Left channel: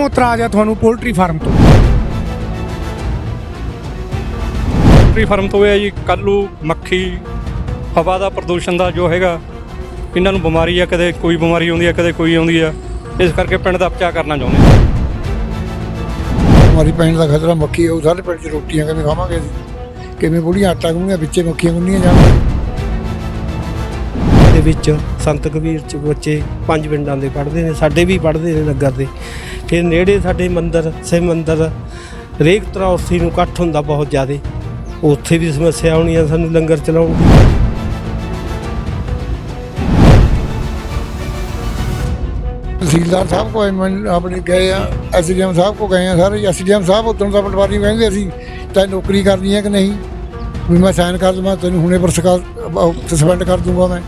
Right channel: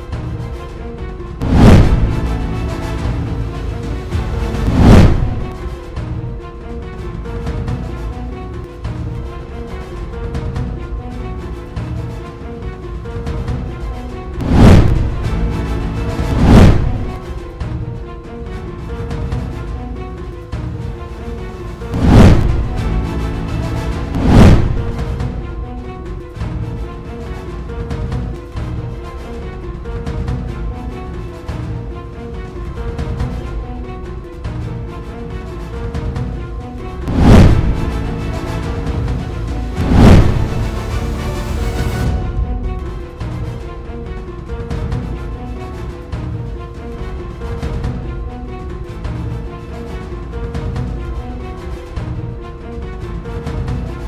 ਕਿਉਂ ਇਤਰਾਜ਼ ਹੈ ਤੁਹਾਨੂੰ ਪੋਲਟਰੀ ਫਾਰਮ ਤੋਂ? ਪੋਲਟਰੀ ਫਾਰਮ ਤੋਂ ਇਹ ਹੈ ਜੀ ਕੱਲੂ ਮੱਖੀ ਹਵਾ ਦਾ ਪ੍ਰਦੂਸ਼ਣ ਦਾ ਜੋ ਹੈਗਾ ਇਹਨਾਂ ਨੂੰ ਬਿਮਾਰੀ ਆ ਕਦੇ ਕੋਈ ਬਿਮਾਰੀ ਆਉਂਦੀ ਆ ਕਦੇ ਕੋਈ ਆਉਂਦੀ ਆ ਇਸ ਕਰਕੇ ਪਿੰਡ ਦਾ ਬਚਾਅ ਕਰਨਾ ਚਾਹੁੰਦੇ ਹਾਂ ਹਮਾਰੀ ਪਿੰਡ ਦਾ ਖਤਰਾ ਮੱਖੀ ਉਹ ਸਾਰੇ ਪਿੰਡ 'ਚ ਰੋਟੀਆਂ ਕਿਵੇਂ ਖਾਵਾਂਗੇ? ਕਿਵੇਂ ਬੁੜੀਆਂ ਆਟਾ ਗੁੰਨੀਆਂ ਵਿੱਚੇ ਮੱਖੀਆਂ ਗੁੰਨੀਆਂ ਜਾਣ ਦੇ ਵਿੱਚ ਸੰਤ ਕਬੀਰ ਚ ਬੱਚੇ ਪੰਜ ਪਿੰਡਾਂ ਦੇ ਪੜ੍ਹਦੇ ਨੇ ਸਾਡੇ ਵੀ ਪੜ੍ਹਦੇ ਨੇ ਨਗਰ ਦੇ। ਫਿਰ ਨੇੜੇ ਸਾਡੇ ਮੰਦਿਰ ਸਿਵ ਮੰਦਿਰ ਹਰੇਕ ਤਰ੍ਹਾਂ ਉੱਥੇ ਨੂੰ ਇਕੱਠ ਹੁੰਦਾ ਬਹੁਤ ਜ਼ਿਆਦੇ। ਉੱਥੇ ਵੀ ਸਮੱਸਿਆ ਆਉਣੀ ਆ ਸਾਨੂੰ ਲੰਗਰ ਚਲਾਉਣ ਤਹਿਸੀਲਦਾਰ ਸਾਹਿਬ ਮੈਂ ਆਪਣੇ ਗਏ ਆ ਐਸਡੀਐਮ ਸਾਹਿਬ ਕੋ ਗਏ ਆ ਸਾਰੇ ਐਸਡੀਐਮ ਸਾਹਿਬ ਉਦੋਂ ਦਾ ਪਟਵਾਰੀ ਕਹਿੰਦੇ ਅਸੀਂ ਤਾਂ ਨੌਕਰੀ ਕਰਨੀ ਹੈ ਕਿ ਨਹੀਂ? ਵੀ ਮੈਂ ਸਾਈਨ ਕਰ ਦਵਾਂ ਤੈਨੂੰ ਹੁਣੇ ਪਰ ਸਸਪੈਂਡ ਕਰ ਦੂੰਗਾ ਮੈਂ।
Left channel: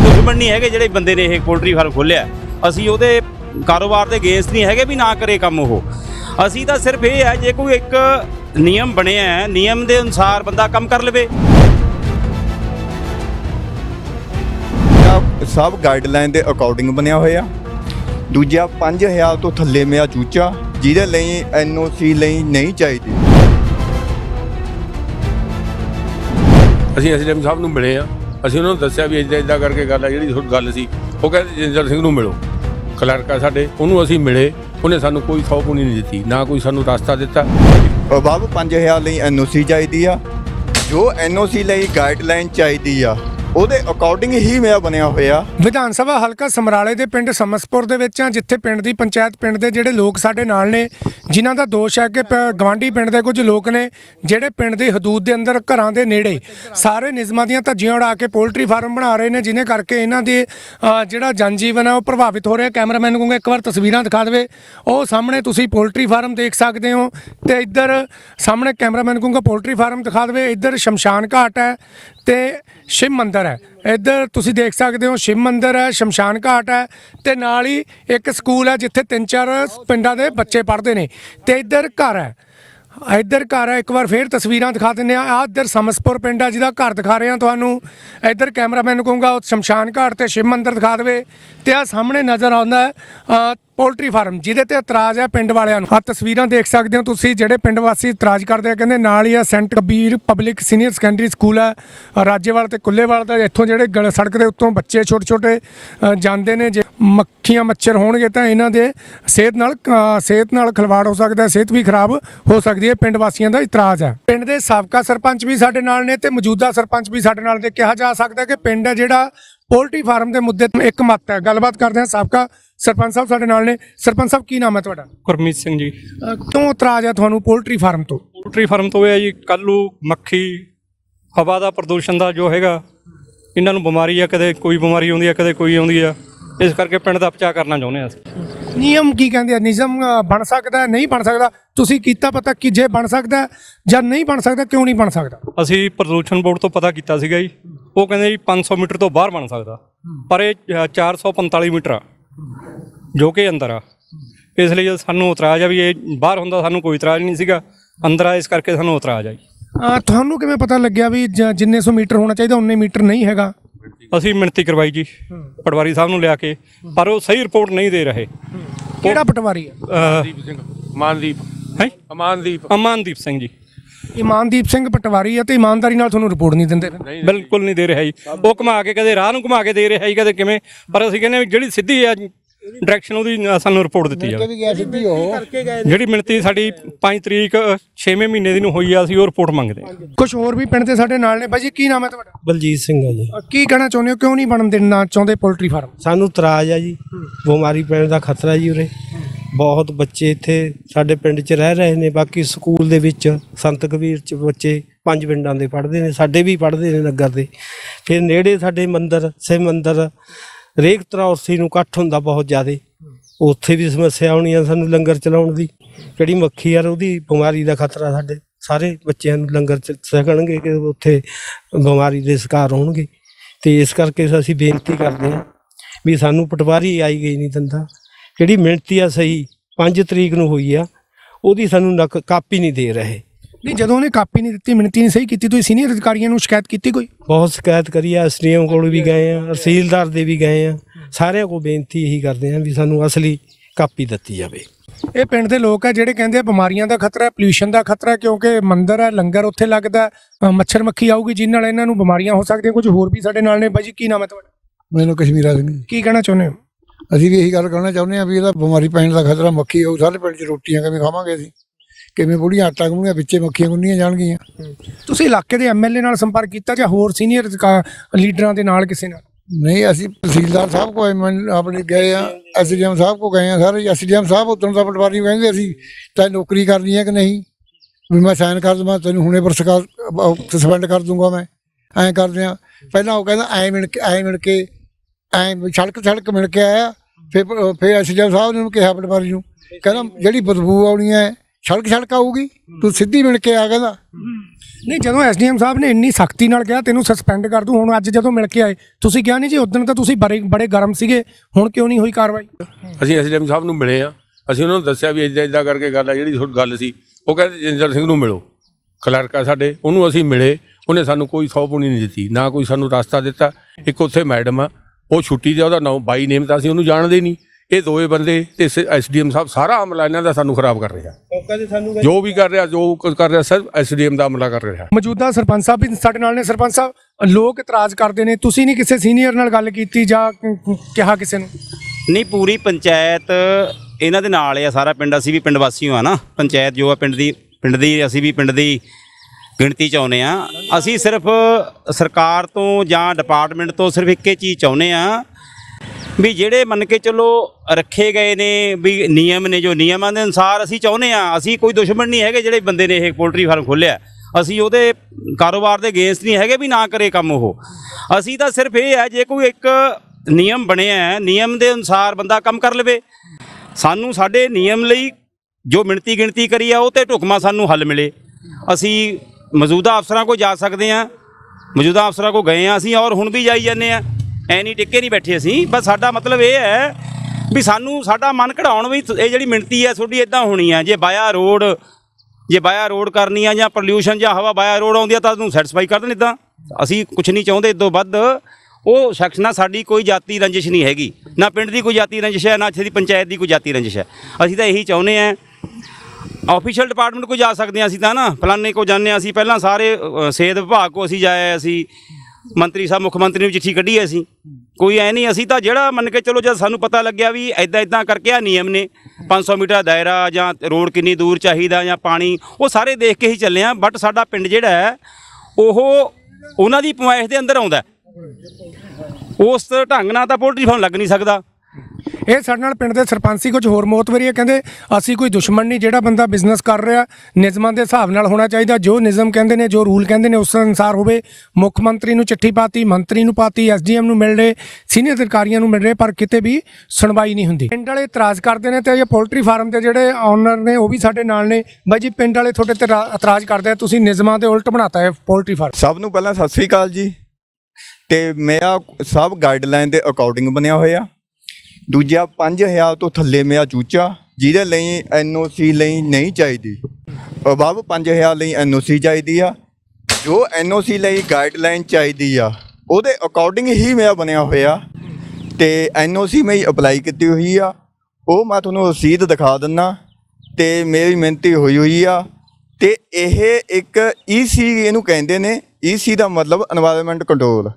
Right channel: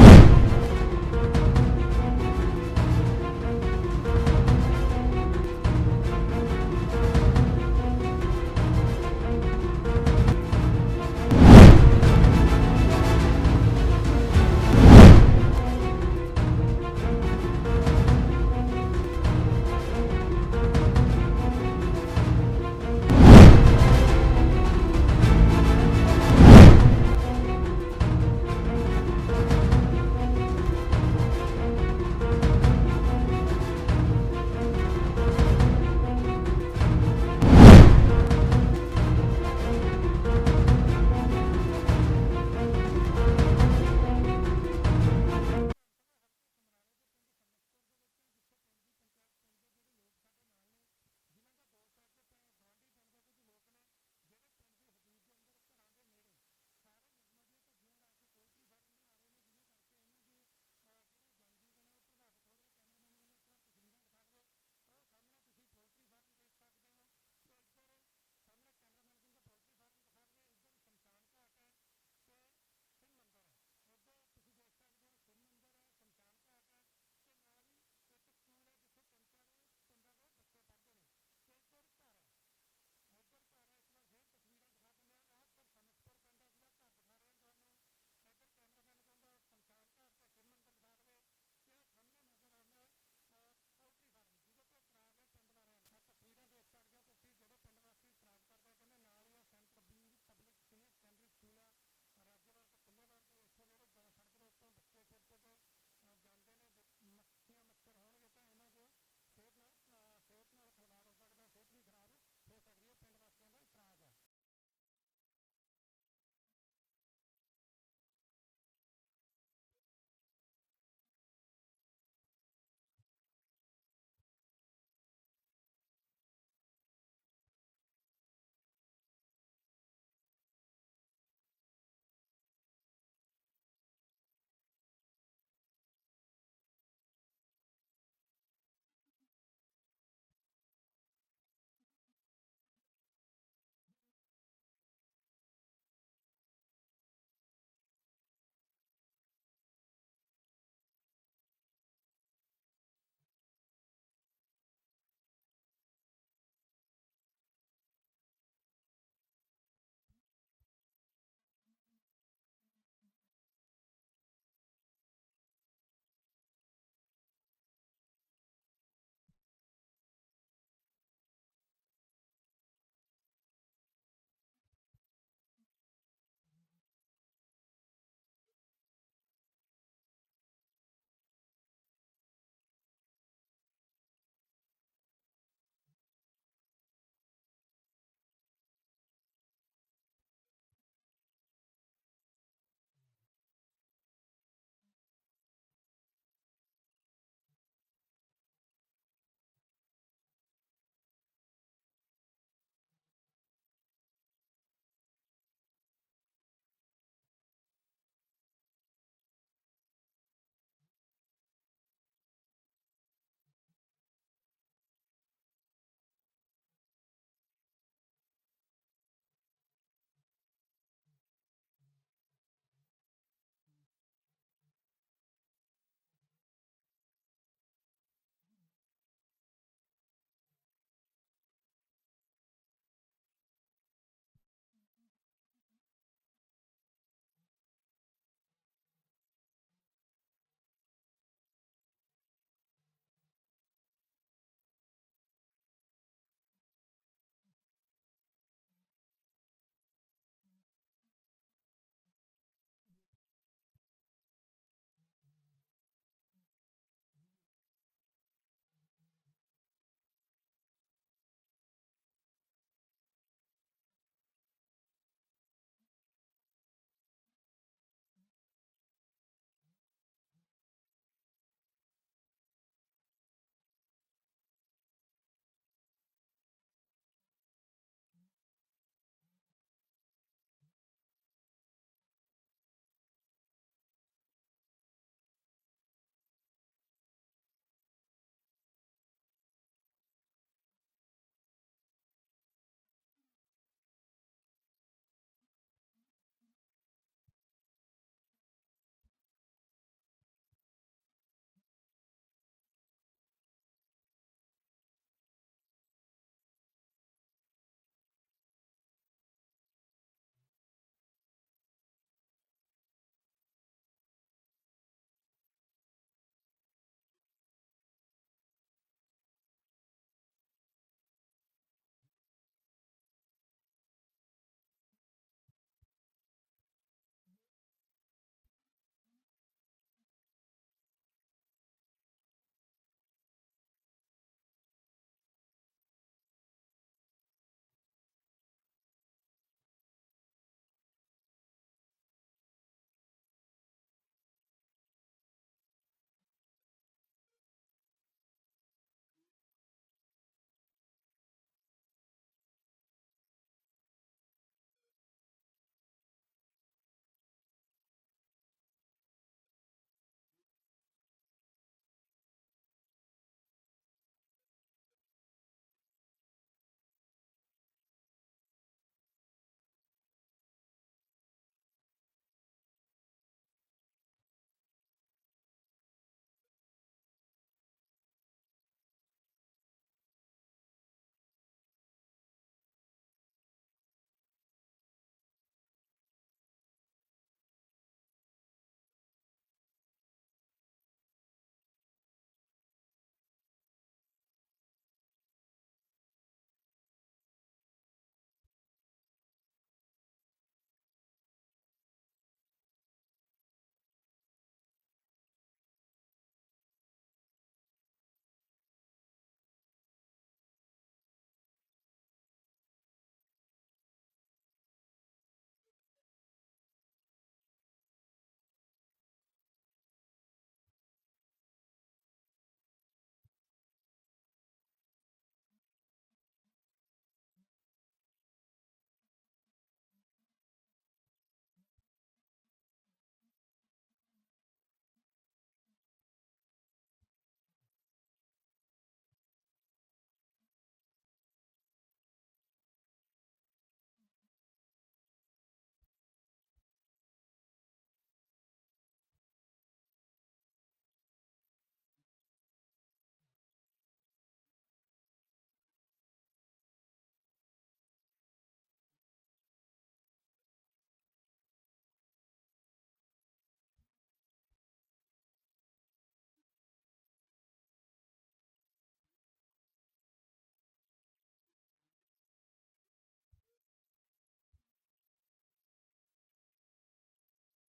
ਦੁਸ਼ਮਣ ਨਹੀਂ ਹੈਗੇ ਜਿਹੜੇ ਬੰਦੇ ਨੇ ਇਹ ਪੋਲਟਰੀ ਫਾਰਮ ਖੋਲਿਆ ਅਸੀਂ ਉਹਦੇ ਕਾਰੋਬਾਰ ਦੇ ਅਗੇਂਸਟ ਨਹੀਂ ਹੈਗੇ ਵੀ ਨਾ ਕਰੇ ਕੰਮ ਉਹ। ਅਸੀਂ ਤਾਂ ਸਿਰਫ ਇਹ ਹੈ ਜੇ ਕੋਈ ਇੱਕ ਨਿਯਮ ਬਣਿਆ ਹੈ ਨਿਯਮ ਦੇ ਅਨੁਸਾਰ ਬੰਦਾ ਕੰਮ ਕਰ ਲਵੇ। ਸਭ ਗਾਈਡਲਾਈਨ ਦੇ ਅਕੋਰਡਿੰਗ ਬਣਿਆ ਹੋਇਆ। ਦੂਜਾ 5000 ਤੋਂ ਥੱਲੇ ਮੇਰਾ ਚੂਚਾ ਜਿਹਦੇ ਲਈ ਐਨਓਸੀ ਲਈ ਨਹੀਂ ਚਾਹੀਦੀ। ਅਸੀਂ ਐਸਡੀਐਮ ਸਾਹਿਬ ਨੂੰ ਮਿਲੇ ਆ ਅਸੀਂ ਉਹਨਾਂ ਨੂੰ ਦੱਸਿਆ ਵੀ ਇਦਾਂ ਇਦਾਂ ਕਰਕੇ ਗੱਲ ਆ ਜਿਹੜੀ ਗੱਲ ਸੀ ਉਹ ਕਹਿੰਦੇ ਜਿੰਦਰ ਸਿੰਘ ਨੂੰ ਮਿਲੋ। ਕਲਰਕ ਆ ਸਾਡੇ, ਉਹਨੂੰ ਅਸੀਂ ਮਿਲੇ, ਉਹਨੇ ਸਾਨੂੰ ਕੋਈ ਸੌਪੂਣੀ ਨਹੀਂ ਦਿੱਤੀ, ਨਾ ਕੋਈ ਸਾਨੂੰ ਰਸਤਾ ਦਿੱਤਾ। ਬਾਬੂ 5000 ਲਈ ਐਨਓਸੀ ਚਾਹੀਦੀ ਆ, ਜੋ ਐਨਓਸੀ ਲਈ ਗਾਈਡਲਾਈਨ ਚਾਹੀਦੀ ਆ। ਉਹਦੇ ਅਕੋਰਡਿੰਗ ਹੀ ਮੈਂ ਬਣਿਆ ਹੋਇਆ। ਵਿਧਾਨ ਸਭਾ ਹਲਕਾ ਸਮਰਾਲੇ ਦੇ ਪਿੰਡ ਸਮਸਪੁਰ ਦੇ ਵਿੱਚ ਆ, ਜਿੱਥੇ ਪਿੰਡ ਦੀ ਪੰਚਾਇਤ ਪਿੰਡ ਦੇ ਜਿਹੜੇ ਲੋਕ ਸਾਡੇ ਨਾਲ ਨੇ, ਜਿਨ੍ਹਾਂ ਦਾ ਦੋਸ਼ ਹੈ ਕਿ ਪ- ਗਵਾਂਢੀ ਪਿੰਡ ਦੇ ਕੁਝ ਲੋਕ ਨੇ, ਜਿਹੜੇ ਪਿੰਡ ਦੀ ਹਦੂਦ ਦੇ ਅੰਦਰ ਘਰਾਂ ਦੇ ਨੇੜੇ ਸਾਰੇ ਨਿਯਮਾਂ ਦੀਆਂ ਧੱਜੀਆਂ ਉਡਾ ਕੇ ਪੋਲਟਰੀ ਫਾਰਮ ਬਣਾ ਰਹੇ ਨੇ, ਜਿਨੇ ਕਰਕੇ ਇਹਨਾਂ ਦੇ ਜਿਹੜਾ ਜਨਜੀਵਨ ਹੈ ਉਹ ਪ੍ਰਭਾਵਿਤ ਹੋ ਰਿਹਾ। ਕੈਮਰਾਮੈਨ ਕਹੂੰਗਾ ਇੱਕ ਵਾਰ ਤਸਵੀਰਾਂ ਦਿਖਾ ਦੇਵੇ। ਉਹ ਸਾਹਮਣੇ ਤੁਸੀਂ ਪੋਲਟਰੀ ਫਾਰਮ ਦੇਖ ਸਕਦੇ ਹੋ ਤੇ ਇੱਧਰ ਸਾਹਮਣੇ ਕੈਮਰਾਮੈਨ ਕਹੂੰਗਾ ਪੋਲਟਰੀ ਫਾਰਮ ਦਿਖਾ ਦੇਵੇ। ਇੱਧਰ ਸ਼ਮਸ਼ਾਨ ਘਾਟ ਹੈ ਤੇ ਸ਼ਿਵ ਮੰਦਿਰ ਹੈ। ਇੱਧਰ ਤੁਸੀਂ ਦੇਖ ਸਕਦੇ ਹੋ ਸ਼ਿਵ ਮੰਦਿਰ ਹੈ, ਸ਼ਮਸ਼ਾਨ ਘਾਟ ਹੈ ਤੇ ਨਾਲ ਹੀ ਇੱਕ ਸਕੂਲ ਹੈ ਜਿੱਥੇ ਤਿੰਨ ਚਾਰ ਪਿੰਡਾਂ ਦੇ ਬੱਚੇ ਪੜ੍ਹਦੇ ਨੇ ਤੇ ਇੱਧਰ ਘਰ ਹੈ। ਇੱਧਰ ਘਰ ਹੈ ਇੱਕ ਵਾਰ ਫੇਰ ਤਸਵੀਰਾਂ ਦਿਖਾ ਦਿੰਦੇ ਆ ਆਹ ਇੱਧਰ ਸਮਸਪੁਰ ਪਿੰਡ ਆ, ਜਿਹਦਾ ਘਰ ਦਿਖਾ ਰਹੇ ਆ ਤੁਹਾਨੂੰ। ਇੱਧਰ ਕੈਮਰਾਮੈਨ ਨੂੰ ਕਹੂੰਗਾ, ਉਹ ਸ਼ਮਸ਼ਾਨ ਘਾਟ ਤੇ ਸ਼ਿਵ ਮੰਦਿਰ ਦਿਖਾ ਦੇਵੇ। ਤੇ ਆ ਸਾਹਮਣੇ ਨਜ਼ਰ ਆਉਂਦਾ ਹੈ ਪੋਲਟਰੀ ਫਾਰਮ, ਜਿਹਦੇ ਤੇ ਇਤਰਾਜ਼ ਹੈ ਪਿੰਡ ਵਾਲਿਆਂ ਨੂੰ। ਆ ਤਸਵੀਰਾਂ ਦੇਖ ਸਕਦੇ ਹੋ ਤੁਸੀਂ, ਜਿਹੜੇ ਪਿੰਡ ਵਾਸੀ ਇਤਰਾਜ਼ ਕਰਦੇ ਆ, ਕਹਿੰਦੇ ਨਾਲ ਹੀ ਆ, Saint Kabir public senior secondary school ਹੈ ਰਾਜੇਵਾਲ ਤੇ ਕੁੱਲੇਵਾਲ ਦਾ, ਇੱਥੋਂ ਜਿਹੜੇ ਗਲ- ਸੜਕ ਦੇ ਉੱਤੋਂ ਬੱਚੇ ਛੋਟੇ ਛੋਟੇ ਜਾਂਦੇ ਨੇ, ਜੇ ਮੱਖੀਆਂ ਮੱਛਰ ਹੋਣਗੇ ਤਾਂ ਇਹਨਾਂ ਦੇ ਸਿਹਤ ਨਾਲ ਸਿਹਤ ਨਾਲ ਖਿਲਵਾੜ ਹੋ ਸਕਦਾ ਹੈ ਸਿਹਤ ਵੀ ਖਰਾਬ ਹੋ ਸਕਦੀ ਹੈ ਪਿੰਡ ਵਾਸੀਆਂ ਦਾ ਇਤਰਾਜ਼ ਹੈ। ਪਿੰਡ ਦੇ ਸਾਬਕਾ ਸਰਪੰਚ ਵੀ ਸਾਡੇ ਨਾਲ ਨੇ ਤੇ ਮੌਜੂਦਾ ਸਰਪੰਚ ਵੀ ਸਾਡੇ ਨਾਲ ਨੇ। ਕਿਹਾ ਜਾ ਸਕਦਾ ਕਿ ਪਿੰਡ ਹੈ ਜਿਹੜਾ ਪੋਲਟਰੀ ਫਾਰਮ ਦੇ ਮੁੱਦੇ ਤੇ ਇੱਕ ਮਤ ਹੈ। ਗੱਲਬਾਤ ਕਰਦੇ ਹਾਂ ਸਾਬਕਾ ਸਰਪੰਚ ਸਾਹਿਬ ਸਾਡੇ ਨਾਲ ਨੇ। ਸਰਪੰਚ ਸਾਹਿਬ ਕੀ ਨਾਮ ਹੈ ਤੁਹਾਡਾ? ਗੁਰਮੀਤ ਸਿੰਘ ਜੀ। ਕਿਉਂ ਇਤਰਾਜ਼ ਹੈ ਤੁਹਾਨੂੰ ਪੋਲਟਰੀ ਫਾਰਮ ਤੋਂ? ਪੋਲਟਰੀ ਫਾਰਮ ਤੋਂ ਇਹ ਹੈ ਜੀ ਕੱਲੂ ਮੱਖੀ ਹਵਾ ਦਾ ਪ੍ਰਦੂਸ਼ਣ ਦਾ ਜੋ ਹੈਗਾ ਇਹਨਾਂ ਨੂੰ ਬਿਮਾਰੀ ਆ ਕਦੇ ਕੋਈ ਬਿਮਾਰੀ ਆਉਂਦੀ ਆ ਕਦੇ ਕੋਈ ਆਉਂਦੀ ਆ। ਇਸ ਕਰਕੇ ਪਿੰਡ ਦਾ ਬਚਾਅ ਕਰਨਾ ਚਾਹੁੰਦੇ ਹਾਂ ਅਸੀਂ। ਨਿਯਮ ਕੀ ਕਹਿੰਦੇ ਆ? ਨਿਯਮ ਅ, ਬਣ ਸਕਦਾ ਹੈ, ਨਹੀਂ ਬਣ ਸਕਦਾ? ਤੁਸੀਂ ਕੀਤਾ ਪਤਾ ਕਿ ਜੇ ਬਣ ਸਕਦਾ ਹੈ ਜਾਂ ਨਹੀਂ ਬਣ ਸਕਦਾ ਕਿਉਂ ਨਹੀਂ ਬਣ ਸਕਦਾ? ਅਸੀਂ ਪ੍ਰਦੂਸ਼ਣ ਬੋਰਡ ਤੋਂ ਪਤਾ ਕੀਤਾ ਸੀਗਾ ਜੀ। ਉਹ ਕਹਿੰਦੇ ਜੀ 500 ਮੀਟਰ ਤੋਂ ਬਾਹਰ ਬਣ ਸਕਦਾ। ਪਰ ਇਹ ਅ, 445 ਮੀਟਰ ਆ ਜੋ ਕਿ ਅੰਦਰ ਆ। ਇਸ ਲਈ ਸਾਨੂੰ ਇਤਰਾਜ਼ ਆ ਵੀ ਇਹ ਬਾਹਰ ਹੁੰਦਾ ਸਾਨੂੰ ਕੋਈ ਇਤਰਾਜ਼ ਨਹੀਂ ਸੀਗਾ। ਅੰਦਰ ਆ ਇਸ ਕਰਕੇ ਸਾਨੂੰ ਇਤਰਾਜ਼ ਆ ਜੀ। ਅ, ਤੁਹਾਨੂੰ ਕਿਵੇਂ ਪਤਾ ਲੱਗਿਆ ਵੀ ਜ- ਜਿੰਨੇ ਸੌ ਮੀਟਰ ਹੋਣਾ ਚਾਹੀਦਾ ਉਨੇ ਮੀਟਰ ਨਹੀਂ ਹੈਗਾ? ਅਸੀਂ ਮਿਣਤੀ ਕਰਵਾਈ ਜੀ ਪਟਵਾਰੀ ਸਾਹਿਬ ਨੂੰ ਲਿਆ ਕੇ ਪਰ ਉਹ ਸਹੀ ਰਿਪੋਰਟ ਨਹੀਂ ਦੇ ਰਹੇ। ਕਿਹੜਾ ਪਟਵਾਰੀ ਹੈ ਅ, ਦੀਪ ਸਿੰਘ ਮਾਨਦੀਪ ਹੈਂ? ਅਮਾਨਦੀਪ। ਅਮਨਦੀਪ ਸਿੰਘ ਜੀ। ਇਮਾਨਦੀਪ ਸਿੰਘ ਪਟਵਾਰੀ ਹੈ ਤੇ ਇਮਾਨਦਾਰੀ ਨਾਲ ਤੁਹਾਨੂੰ ਰਿਪੋਰਟ ਨਹੀਂ ਦਿੰਦੇ। ਬਿਲਕੁਲ ਨਹੀਂ ਦੇ ਰਿਹਾ ਜੀ। ਉਹ ਘੁਮਾ ਕੇ ਕਦੇ ਰਾਹ ਨੂੰ ਘੁਮਾ ਕੇ ਦੇ ਰਿਹਾ ਜੀ ਕਦੇ ਕਿਵੇਂ? ਪਰ ਅਸੀਂ ਕਹਿੰਦੇ ਵੀ ਜਿਹੜੀ ਸਿੱਧੀ ਆ ਡਾਇਰੈਕਸ਼ਨ ਉਹਦੀ ਅ, ਸਾਨੂੰ ਰਿਪੋਰਟ ਦਿੱਤੀ ਜਾਵੇ। ਵੀ ਗਿਆ ਸਿੱਧੀ ਉਹ। ਜਿਹੜੀ ਮਿਣਤੀ ਸਾਡੀ 5 ਤਰੀਕ 6ਵੇਂ ਮਹੀਨੇ ਦੀ ਨੂੰ ਹੋਈ ਆ ਅਸੀਂ ਉਹ ਰਿਪੋਰਟ ਮੰਗਦੇ ਹਾਂ। ਕੁਝ ਹੋਰ ਵੀ ਪਿੰਡ ਦੇ ਸਾਡੇ ਨਾਲ ਨੇ। ਬਾਈ ਜੀ ਕੀ ਨਾਮ ਹੈ ਤੁਹਾਡਾ? ਬਲਜੀਤ ਸਿੰਘ ਆ ਜੀ। ਅ, ਕੀ ਕਹਿਣਾ ਚਾਹੁੰਦੇ ਹੋ? ਕਿਉਂ ਨਹੀਂ ਬਣਨ ਦੇਣਾ ਚਾਹੁੰਦੇ ਪੋਲਟਰੀ ਫਾਰਮ ਸਾਨੂੰ ਤਰਾਜ ਆ ਜੀ। ਬਿਮਾਰੀ ਪੈਣ ਦਾ ਖਤਰਾ ਜੀ ਉਰੇ। ਬਹੁਤ ਬੱਚੇ ਇੱਥੇ ਸਾਡੇ ਪਿੰਡ 'ਚ ਰਹਿ ਰਹੇ ਨੇ। ਬਾਕੀ ਸਕੂਲ ਦੇ ਵਿੱਚ ਸੰਤ ਕਬੀਰ 'ਚ ਬੱਚੇ ਪੰਜ ਪਿੰਡਾਂ ਦੇ ਪੜ੍ਹਦੇ ਨੇ। ਸਾਡੇ ਵੀ ਪੜ੍ਹਦੇ ਨੇ ਨਗਰ ਦੇ। ਫਿਰ ਨੇੜੇ ਸਾਡੇ ਮੰਦਿਰ ਸਿਵ ਮੰਦਿਰ ਹਰੇਕ ਤਰ੍ਹਾਂ ਉੱਥੇ ਨੂੰ ਇਕੱਠ ਹੁੰਦਾ ਬਹੁਤ ਜ਼ਿਆਦਾ। ਉੱਥੇ ਵੀ ਸਮੱਸਿਆ ਆਉਣੀ ਆ ਸਾਨੂੰ ਲੰਗਰ ਚਲਾਉਣ ਦੀ। ਜਿਹੜੀ ਮੱਖੀ ਆ, ਉਹਦੀ ਬਿਮਾਰੀ ਦਾ ਖਤਰਾ ਸਾਡੇ ਸਾਰੇ ਬੱਚਿਆਂ ਨੂੰ ਲੰਗਰ ਚ ਸਕਣਗੇ ਕਿ ਉੱਥੇ ਬਿਮਾਰੀ ਦੇ ਸ਼ਿਕਾਰ ਹੋਣਗੇ। ਤੇ ਇਸ ਕਰਕੇ ਅਸੀਂ ਬੇਨਤੀ ਕਰਦੇ ਹਾਂ ਵੀ ਸਾਨੂੰ ਪਟਵਾਰੀ ਆਈ ਗਈ ਨਹੀਂ ਦਿੰਦਾ। ਜਿਹੜੀ ਮਿਹਨਤੀ ਆ ਸਹੀ 5 ਤਰੀਕ ਨੂੰ ਹੋਈ ਆ, ਉਹਦੀ ਸਾਨੂੰ ਨਕ, ਕਾਪੀ ਨਹੀਂ ਦੇ ਰਹੇ। ਨਹੀਂ ਜਦੋਂ ਉਹਨੇ ਕਾਪੀ ਨਹੀਂ ਦਿੱਤੀ ਮਿਣਤੀ ਨਹੀਂ ਸਹੀ ਕੀਤੀ ਤੁਸੀਂ ਸੀਨੀਅਰ ਅਧਿਕਾਰੀਆਂ ਨੂੰ ਸ਼ਿਕਾਇਤ ਕੀਤੀ ਕੋਈ? ਬਹੁਤ ਸ਼ਿਕਾਇਤ ਕਰੀ ਆ ਐਸਡੀਐਮ ਕੋਲ ਵੀ ਗਏ ਆ ਤਹਿਸੀਲਦਾਰ ਦੇ ਵੀ ਗਏ ਆ। ਸਾਰਿਆਂ ਕੋਲ ਬੇਨਤੀ ਇਹੀ ਕਰਦੇ ਆ ਵੀ ਸਾਨੂੰ ਅਸਲੀ ਕਾਪੀ ਦਿੱਤੀ ਜਾਵੇ। ਇਹ ਪਿੰਡ ਦੇ ਲੋਕ ਆ ਜਿਹੜੇ ਕਹਿੰਦੇ ਆ ਬਿਮਾਰੀਆਂ ਦਾ ਖਤਰਾ ਹੈ ਪੋਲੂਸ਼ਨ ਦਾ ਖਤਰਾ ਹੈ ਕਿਉਂਕਿ ਮੰਦਿਰ ਹੈ ਲੰਗਰ ਉੱਥੇ ਲੱਗਦਾ ਅ, ਮੱਛਰ ਮੱਖੀ ਆਊਗੀ ਜਿਸ ਨਾਲ ਇਹਨਾਂ ਨੂੰ ਬਿਮਾਰੀਆਂ ਹੋ ਸਕਦੀਆਂ ਕੁਝ ਹੋਰ ਵੀ ਸਾਡੇ ਨਾਲ ਨੇ। ਬਾਈ ਜੀ ਕੀ ਨਾਮ ਹੈ ਤੁਹਾਡਾ? ਮੈਨੂੰ ਕਸ਼ਮੀਰਾ ਸਿੰਘ ਜੀ। ਕੀ ਕਹਿਣਾ ਚਾਹੁੰਦੇ ਹੋ? ਅਸੀਂ ਵੀ ਇਹੀ ਗੱਲ ਕਹਿਣਾ ਚਾਹੁੰਦੇ ਹਾਂ ਵੀ ਇਹਦਾ ਬਿਮਾਰੀ ਪੈਣ ਦਾ ਖਤਰਾ ਮੱਖੀ ਹੋਊ ਸਾਰੇ ਪਿੰਡ 'ਚ ਰੋਟੀਆਂ ਕਿਵੇਂ ਖਾਵਾਂਗੇ ਅਸੀਂ? ਕਿਵੇਂ ਬੁੜੀਆਂ ਆਟਾ ਗੁੰਨੀਆਂ ਵਿੱਚੇ ਮੱਖੀਆਂ ਗੁੰਨੀਆਂ ਜਾਣਗੀਆਂ। ਤੁਸੀਂ ਇਲਾਕੇ ਦੇ ਐਮਐਲਏ ਨਾਲ ਸੰਪਰਕ ਕੀਤਾ ਜਾਂ ਹੋਰ ਸੀਨੀਅਰ ਲੀਡਰਾਂ ਦੇ ਨਾਲ ਕਿਸੇ ਨਾਲ? ਨਹੀਂ ਅਸੀਂ ਤਹਿਸੀਲਦਾਰ ਸਾਹਿਬ ਕੋ ਆਪਣੇ ਗਏ ਆ ਐਸਡੀਐਮ ਸਾਹਿਬ ਕੋ ਗਏ ਆ ਸਾਰੇ। ਐਸਡੀਐਮ ਸਾਹਿਬ ਉਦੋਂ ਦਾ ਪਟਵਾਰੀ ਕਹਿੰਦੇ ਅਸੀਂ ਤਾਂ ਨੌਕਰੀ ਕਰਨੀ ਹੈ ਕਿ ਨਹੀਂ? ਵੀ ਮੈਂ ਸਾਈਨ ਕਰ ਦਵਾਂ ਤੈਨੂੰ ਹੁਣੇ ਪਰ ਸਸਪੈਂਡ ਕਰ ਦੂੰਗਾ ਮੈਂ। ਐਂ ਕਰਦੇ ਆ। ਪਹਿਲਾਂ ਉਹ ਕਹਿੰਦਾ ਐਂ ਮਿਲ ਕੇ ਐਂ ਮਿਲ ਕੇ ਐਂ ਵੀ ਸੜਕ ਸੜਕ ਮਿਲ ਕੇ ਆਇਆ। ਫਿਰ ਫਿਰ ਐਸਡੀਐਮ ਸਾਹਿਬ ਨੇ ਉਹਨੂੰ ਕਿਹਾ ਪਟਵਾਰੀ ਨੂੰ। ਕਹਿੰਦਾ ਜਿਹੜੀ ਬਦਬੂ ਆਉਣੀ ਹੈ ਸੜਕ ਸੜਕ ਆਊਗੀ? ਤੂੰ ਸਿੱਧੀ ਮਿਲ ਕੇ ਆ ਕਹਿੰਦਾ। ਨਹੀਂ ਜਦੋਂ ਐਸਡੀਐਮ ਸਾਹਿਬ ਨੇ ਇੰਨੀ ਸਖਤੀ ਨਾਲ ਕਿਹਾ ਤੈਨੂੰ ਸਸਪੈਂਡ ਕਰ ਦੂੰ ਹੁਣ ਅੱਜ ਜਦੋਂ ਮਿਲ ਕੇ ਆਏ ਤੁਸੀਂ ਕਿਹਾ ਨਹੀਂ ਜੀ ਉਦੋਂ ਤਾਂ ਤੁਸੀਂ ਬੜੇ ਬੜੇ ਗਰਮ ਸੀਗੇ ਹੁਣ ਕਿਉਂ ਨਹੀਂ ਹੋਈ ਕਾਰਵਾਈ? ਅਸੀਂ ਐਸਡੀਐਮ ਸਾਹਿਬ ਨੂੰ ਮਿਲੇ ਆ। ਅਸੀਂ ਉਹਨਾਂ ਨੂੰ ਦੱਸਿਆ ਵੀ ਇਦਾਂ ਇਦਾਂ ਕਰਕੇ ਗੱਲ ਆ ਜਿਹੜੀ ਤੁਹਾਡੀ ਗੱਲ ਸੀ। ਉਹ ਕਹਿੰਦੇ ਜਿੰਦਰ ਸਿੰਘ ਨੂੰ ਮਿਲੋ। ਕਲਰਕ ਆ ਸਾਡੇ ਉਹਨੂੰ ਅਸੀਂ ਮਿਲੇ। ਉਹਨੇ ਸਾਨੂੰ ਕੋਈ ਸੌ ਪੁਣੀ ਨਹੀਂ ਦਿੱਤੀ ਨਾ ਕੋਈ ਸਾਨੂੰ ਰਸਤਾ ਦਿੱਤਾ। ਇੱਕ ਉੱਥੇ ਮੈਡਮ ਆ ਉਹ ਛੁੱਟੀ ਤੇ ਉਹਦਾ ਨਾਮ ਬਾਈ ਨੇਮ ਤਾਂ ਅਸੀਂ ਉਹਨੂੰ ਜਾਣਦੇ ਹੀ ਨਹੀਂ। ਇਹ ਦੋਏ ਬੰਦੇ ਤੇ ਐਸਡੀਐਮ ਸਾਹਿਬ ਸਾਰਾ ਅਮਲਾ ਇਹਨਾਂ ਦਾ ਸਾਨੂੰ ਖਰਾਬ ਕਰ ਰਿਹਾ। ਉਹ ਕਹਿੰਦੇ ਸਾਨੂੰ ਜੋ ਵੀ ਕਰ ਰਿਹਾ ਜੋ ਕੁਝ ਕਰ ਰਿਹਾ ਸਰ ਐਸਡੀਐਮ ਦਾ ਅਮਲਾ ਕਰ ਰਿਹਾ। ਮੌਜੂਦਾ ਸਰਪੰਚ ਸਾਹਿਬ ਵੀ ਸਾਡੇ ਨਾਲ ਨੇ। ਸਰਪੰਚ ਸਾਹਿਬ ਲੋਕ ਇਤਰਾਜ਼ ਕਰਦੇ ਨੇ। ਤੁਸੀਂ ਨਹੀਂ ਕਿਸੇ ਸੀਨੀਅਰ ਨਾਲ ਗੱਲ ਕੀਤੀ ਜਾਂ ਕਿਹਾ ਕਿਸੇ ਨੂੰ? ਨਹੀਂ ਪੂਰੀ ਪੰਚਾਇਤ ਇਹਨਾਂ ਦੇ ਨਾਲ ਆ। ਸਾਰਾ ਪਿੰਡ ਅਸੀਂ ਵੀ ਪਿੰਡ ਵਾਸੀਓ ਆ ਨਾ। ਪੰਚਾਇਤ ਜੋ ਆ ਪਿੰਡ ਦੀ ਪਿੰਡ ਦੀ ਅਸੀਂ ਵੀ ਪਿੰਡ ਦੀ ਗਿਣਤੀ ਚ ਆਉਂਦੇ ਆ। ਅਸੀਂ ਸਿਰਫ ਸਰਕਾਰ ਤੋਂ ਜਾਂ ਡਿਪਾਰਟਮੈਂਟ ਤੋਂ ਸਿਰਫ ਇੱਕੇ ਚੀਜ਼ ਚਾਹੁੰਦੇ ਆ ਵੀ ਜਿਹੜੇ ਮੰਨ ਕੇ ਚਲੋ ਰੱਖੇ ਗਏ ਨੇ ਵੀ ਨਿਯਮ ਨੇ, ਜੋ ਨਿਯਮਾਂ ਦੇ ਅਨੁਸਾਰ ਅਸੀਂ ਚਾਹੁੰਦੇ ਆ ਅਸੀਂ ਕੋਈ ਦੁਸ਼ਮਣ ਨਹੀਂ ਹੈਗੇ ਜਿਹੜੇ ਬੰਦੇ ਨੇ ਇਹ ਪੋਲਟਰੀ ਫਾਰਮ ਖੋਲ੍ਹਿਆ। ਅਸੀਂ ਉਹਦੇ ਕਾਰੋਬਾਰ ਦੇ ਅਗੇਂਸਟ ਨਹੀਂ ਹੈਗੇ ਵੀ ਨਾ ਕਰੇ ਕੰਮ ਉਹ। ਅਸੀਂ ਤਾਂ ਸਿਰਫ ਇਹ ਹੈ, ਜੇ ਕੋਈ ਇੱਕ ਨਿਯਮ ਬਣਿਆ ਹੈ, ਨਿਯਮ ਦੇ ਅਨੁਸਾਰ ਬੰਦਾ ਕੰਮ ਕਰ ਲਵੇ। ਸਾਨੂੰ ਸਾਡੇ ਨਿਯਮ ਲਈ ਜੋ ਮਿਣਤੀ ਗਿਣਤੀ ਕਰੀ ਆ, ਉਹ ਤੇ ਢੁਕਮਾ ਸਾਨੂੰ ਹੱਲ ਮਿਲੇ। ਅਸੀਂ ਮੌਜੂਦਾ ਅਫਸਰਾਂ ਕੋਲ ਜਾ ਸਕਦੇ ਆ ਮੌਜੂਦਾ ਅਫਸਰਾਂ ਕੋਲ ਗਏ ਆ ਅਸੀਂ ਔਰ ਹੁਣ ਵੀ ਜਾਈ ਜਾਂਦੇ ਆ ਐ ਨਹੀਂ ਟਿੱਕੇ ਨਹੀਂ ਬੈਠੇ ਅਸੀਂ ਬਸ ਸਾਡਾ ਮਤਲਬ ਇਹ ਹੈ ਵੀ ਸਾਨੂੰ ਸਾਡਾ ਮਨ ਕਢਾਉਣ ਵੀ ਇਹ ਜਿਹੜੀ ਮਿਣਤੀ ਹੈ ਤੁਹਾਡੀ ਇਦਾਂ ਹੋਣੀ ਹੈ ਜੇ ਬਾਇਆ ਰੋਡ ਜੇ ਬਾਇਆ ਰੋਡ ਕਰਨੀ ਆ ਜਾਂ ਪੋਲਿਊਸ਼ਨ ਜਾਂ ਹਵਾ ਬਾਇਆ ਰੋਡ ਆਉਂਦੀ ਆ ਤਾਂ ਤੁਹਾਨੂੰ ਸੈਟੀਸਫਾਈ ਕਰ ਦੇਣ ਇਦਾਂ ਅਸੀਂ ਕੁਝ ਨਹੀਂ ਚਾਹੁੰਦੇ ਇਦੋਂ ਵੱਧ ਉਹ ਸ਼ਖਸ ਨਾਲ ਸਾਡੀ ਕੋਈ ਜਾਤੀ ਰੰਜਿਸ਼ ਨਹੀਂ ਹੈਗੀ ਨਾ ਪਿੰਡ ਦੀ ਕੋਈ ਜਾਤੀ ਰੰਜਿਸ਼ ਹੈ ਨਾ ਇੱਥੇ ਦੀ ਪੰਚਾਇਤ ਦੀ ਕੋਈ ਜਾਤੀ ਰੰਜਿਸ਼ ਹੈ। ਅਸੀਂ ਤਾਂ ਇਹੀ ਚਾਹੁੰਦੇ ਆ ਆਫੀਸ਼ੀਅਲ ਡਿਪਾਰਟਮੈਂਟ ਕੋ ਜਾ ਸਕਦੇ ਹਾਂ ਅਸੀਂ ਤਾਂ ਨਾ ਫਲਾਨੇ ਕੋ ਜਾਂਦੇ ਹਾਂ ਅਸੀਂ ਪਹਿਲਾਂ ਸਾਰੇ ਅ, ਸਿਹਤ ਵਿਭਾਗ ਕੋ ਅਸੀਂ ਜਾਇਆ ਅਸੀਂ ਮੰਤਰੀ ਸਾਹਿਬ, ਮੁੱਖ ਮੰਤਰੀ ਨੂੰ ਚਿੱਠੀ ਕੱਢੀ ਹੈ ਅਸੀਂ। ਕੋਈ ਐ ਨਹੀਂ, ਅਸੀਂ ਤਾਂ ਜਿਹੜਾ ਮੰਨ ਕੇ ਚਲੋ ਜਦ ਸਾਨੂੰ ਪਤਾ ਲੱਗਿਆ ਵੀ ਐਦਾਂ ਐਦਾਂ ਕਰਕੇ ਆ ਨਿਯਮ ਨੇ 500 ਮੀਟਰ ਦਾ ਦਾਇਰਾ ਜਾਂ ਰੋਡ ਕਿੰਨੀ ਦੂਰ ਚਾਹੀਦਾ ਜਾਂ ਪਾਣੀ, ਉਹ ਸਾਰੇ ਦੇਖ ਕੇ ਹੀ ਚੱਲੇ ਆ। ਬਟ ਸਾਡਾ ਪਿੰਡ ਜਿਹੜਾ ਹੈ, ਉਹ ਉਹਨਾਂ ਦੀ ਪਮਾਇਸ਼ ਦੇ ਅੰਦਰ ਆਉਂਦਾ ਉਸ ਢੰਗ ਨਾਲ ਤਾਂ ਪੋਲਟਰੀ ਫਾਰਮ ਲੱਗ ਨਹੀਂ ਸਕਦਾ। ਇਹ ਸਾਡੇ ਨਾਲ ਪਿੰਡ ਦੇ ਸਰਪੰਚ ਸੀ, ਕੁਝ ਹੋਰ ਮੋਤਵਰੀ ਹੈ, ਕਹਿੰਦੇ ਅਸੀਂ ਕੋਈ ਦੁਸ਼ਮਣ ਨਹੀਂ, ਜਿਹੜਾ ਬੰਦਾ ਬਿਜ਼ਨਸ ਕਰ ਰਿਹਾ, ਨਿਯਮਾਂ ਦੇ ਹਿਸਾਬ ਨਾਲ ਹੋਣਾ ਚਾਹੀਦਾ, ਜੋ ਨਿਯਮ ਕਹਿੰਦੇ ਨੇ, ਜੋ ਰੂਲ ਕਹਿੰਦੇ ਨੇ, ਉਸ ਅਨੁਸਾਰ ਹੋਵੇ। ਮੁੱਖ ਮੰਤਰੀ ਨੂੰ ਚਿੱਠੀ ਪਾਤੀ, ਮੰਤਰੀ ਨੂੰ ਪਾਤੀ ਐਸਡੀਐਮ ਨੂੰ ਮਿਲ ਰਹੇ ਸੀਨੀਅਰ ਅਧਿਕਾਰੀਆਂ ਨੂੰ ਮਿਲ ਰਹੇ, ਪਰ ਕਿਤੇ ਵੀ ਸੁਣਵਾਈ ਨਹੀਂ ਹੁੰਦੀ। ਪਿੰਡ ਵਾਲੇ ਇਤਰਾਜ਼ ਕਰਦੇ ਨੇ ਤੇ ਇਹ ਪੋਲਟਰੀ ਫਾਰਮ ਦੇ ਜਿਹੜੇ ਓਨਰ ਨੇ, ਉਹ ਵੀ ਸਾਡੇ ਨਾਲ ਨੇ। ਬਾਈ ਜੀ, ਪਿੰਡ ਵਾਲੇ ਤੁਹਾਡੇ ਤੇ ਰਾ- ਇਤਰਾਜ਼ ਕਰਦੇ ਆ, ਤੁਸੀਂ ਨਿਯਮਾਂ ਦੇ ਉਲਟ ਬਣਾਤਾ ਹੈ ਪੋਲਟਰੀ ਫਾਰਮ ਸਭ ਨੂੰ ਪਹਿਲਾਂ ਸਤਿ ਸ੍ਰੀ ਅਕਾਲ ਜੀ। ਤੇ ਮੇਰਾ ਸਭ ਗਾਈਡਲਾਈਨ ਦੇ ਅਕੋਰਡਿੰਗ ਬਣਿਆ ਹੋਇਆ। ਦੂਜਾ 5000 ਤੋਂ ਥੱਲੇ ਮੇਰਾ ਚੂਚਾ, ਜਿਹਦੇ ਲਈ ਐਨਓਸੀ ਲਈ ਨਹੀਂ ਚਾਹੀਦੀ। ਬਾਬ 5000 ਲਈ ਐਨਓਸੀ ਚਾਹੀਦੀ ਆ। ਜੋ ਐਨਓਸੀ ਲਈ ਗਾਈਡਲਾਈਨ ਚਾਹੀਦੀ ਆ, ਉਹਦੇ ਅਕੋਰਡਿੰਗ ਹੀ ਮੇਰਾ ਬਣਿਆ ਹੋਇਆ। ਤੇ ਐਨਓਸੀ ਮੈਂ ਅਪਲਾਈ ਕੀਤੀ ਹੋਈ ਆ। ਉਹ ਮੈਂ ਤੁਹਾਨੂੰ ਰਸੀਦ ਦਿਖਾ ਦਿੰਨਾ, ਤੇ ਮੇਰੀ ਮਿਹਨਤੀ ਹੋਈ ਹੋਈ ਆ। ਤੇ ਇਹ ਇੱਕ ਈਸੀ ਇਹਨੂੰ ਕਹਿੰਦੇ ਨੇ ਈਸੀ ਦਾ ਮਤਲਬ এনवायरमेंट ਕੰਟਰੋਲ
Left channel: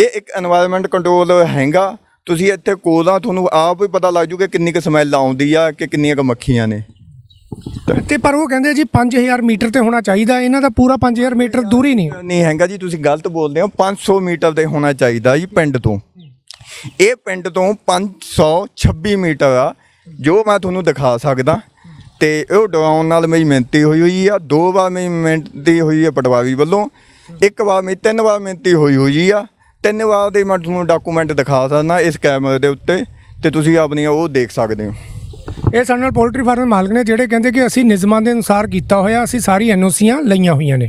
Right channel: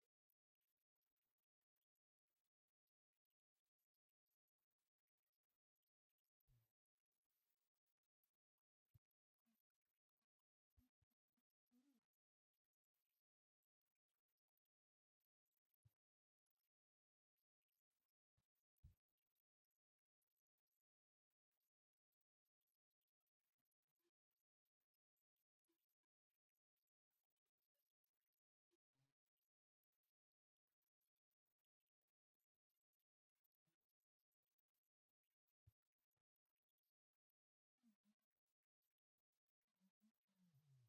ਇਹ ਇੱਕ এনवायरमेंट ਕੰਟਰੋਲ ਹੈਗਾ। ਤੁਸੀਂ ਇੱਥੇ ਕੋਲਾਂ ਤੁਹਾਨੂੰ ਆਪ ਹੀ ਪਤਾ ਲੱਗ ਜੂਗਾ ਕਿੰਨੀ ਕੁ ਸਮੈਲ ਆਉਂਦੀ ਆ ਕਿ ਕਿੰਨੀਆਂ ਕੁ ਮੱਖੀਆਂ ਨੇ। ਤੇ ਪਰ ਉਹ ਕਹਿੰਦੇ ਜੀ 5000 ਮੀਟਰ ਤੇ ਹੋਣਾ ਚਾਹੀਦਾ ਇਹਨਾਂ ਦਾ ਪੂਰਾ 5000 ਮੀਟਰ ਦੂਰੀ ਨਹੀਂ। ਨਹੀਂ ਹੈਗਾ ਜੀ ਤੁਸੀਂ ਗਲਤ ਬੋਲਦੇ ਹੋ 500 ਮੀਟਰ ਦੇ ਹੋਣਾ ਚਾਹੀਦਾ ਜੀ ਪਿੰਡ ਤੋਂ। ਇਹ ਪਿੰਡ ਤੋਂ 526 ਮੀਟਰ ਆ ਜੋ ਮੈਂ ਤੁਹਾਨੂੰ ਦਿਖਾ ਸਕਦਾ। ਤੇ ਉਹ ਡਰਾਉਣ ਨਾਲ ਮੇਰੀ ਮਿਹਨਤੀ ਹੋਈ ਹੋਈ ਆ ਦੋ ਵਾਰ ਮੇਰੀ ਮਿਹਨਤੀ ਹੋਈ ਹੈ ਪਟਵਾਰੀ ਵੱਲੋਂ ਇੱਕ ਵਾਰ ਮੇਰੀ ਤਿੰਨ ਵਾਰ ਮਿਹਨਤੀ ਹੋਈ ਹੋਈ ਆ। ਤਿੰਨ ਵਾਰ ਦੇ ਮੈਂ ਤੁਹਾਨੂੰ ਡਾਕੂਮੈਂਟ ਦਿਖਾ ਸਕਦਾ ਇਸ ਕੈਮਰੇ ਦੇ ਉੱਤੇ ਤੇ ਤੁਸੀਂ ਆਪਣੀਆਂ ਉਹ ਦੇਖ ਸਕਦੇ ਹੋ। ਇਹ ਸਾਡੇ ਨਾਲ ਪੋਲਟਰੀ ਫਾਰਮ ਮਾਲਕ ਨੇ ਜਿਹੜੇ ਕਹਿੰਦੇ ਕਿ ਅਸੀਂ ਨਿਯਮਾਂ ਦੇ ਅਨੁਸਾਰ ਕੀਤਾ ਹੋਇਆ, ਅਸੀਂ ਸਾਰੀ ਐਨਓਸੀਆਂ ਲਈਆਂ ਹੋਈਆਂ ਨੇ।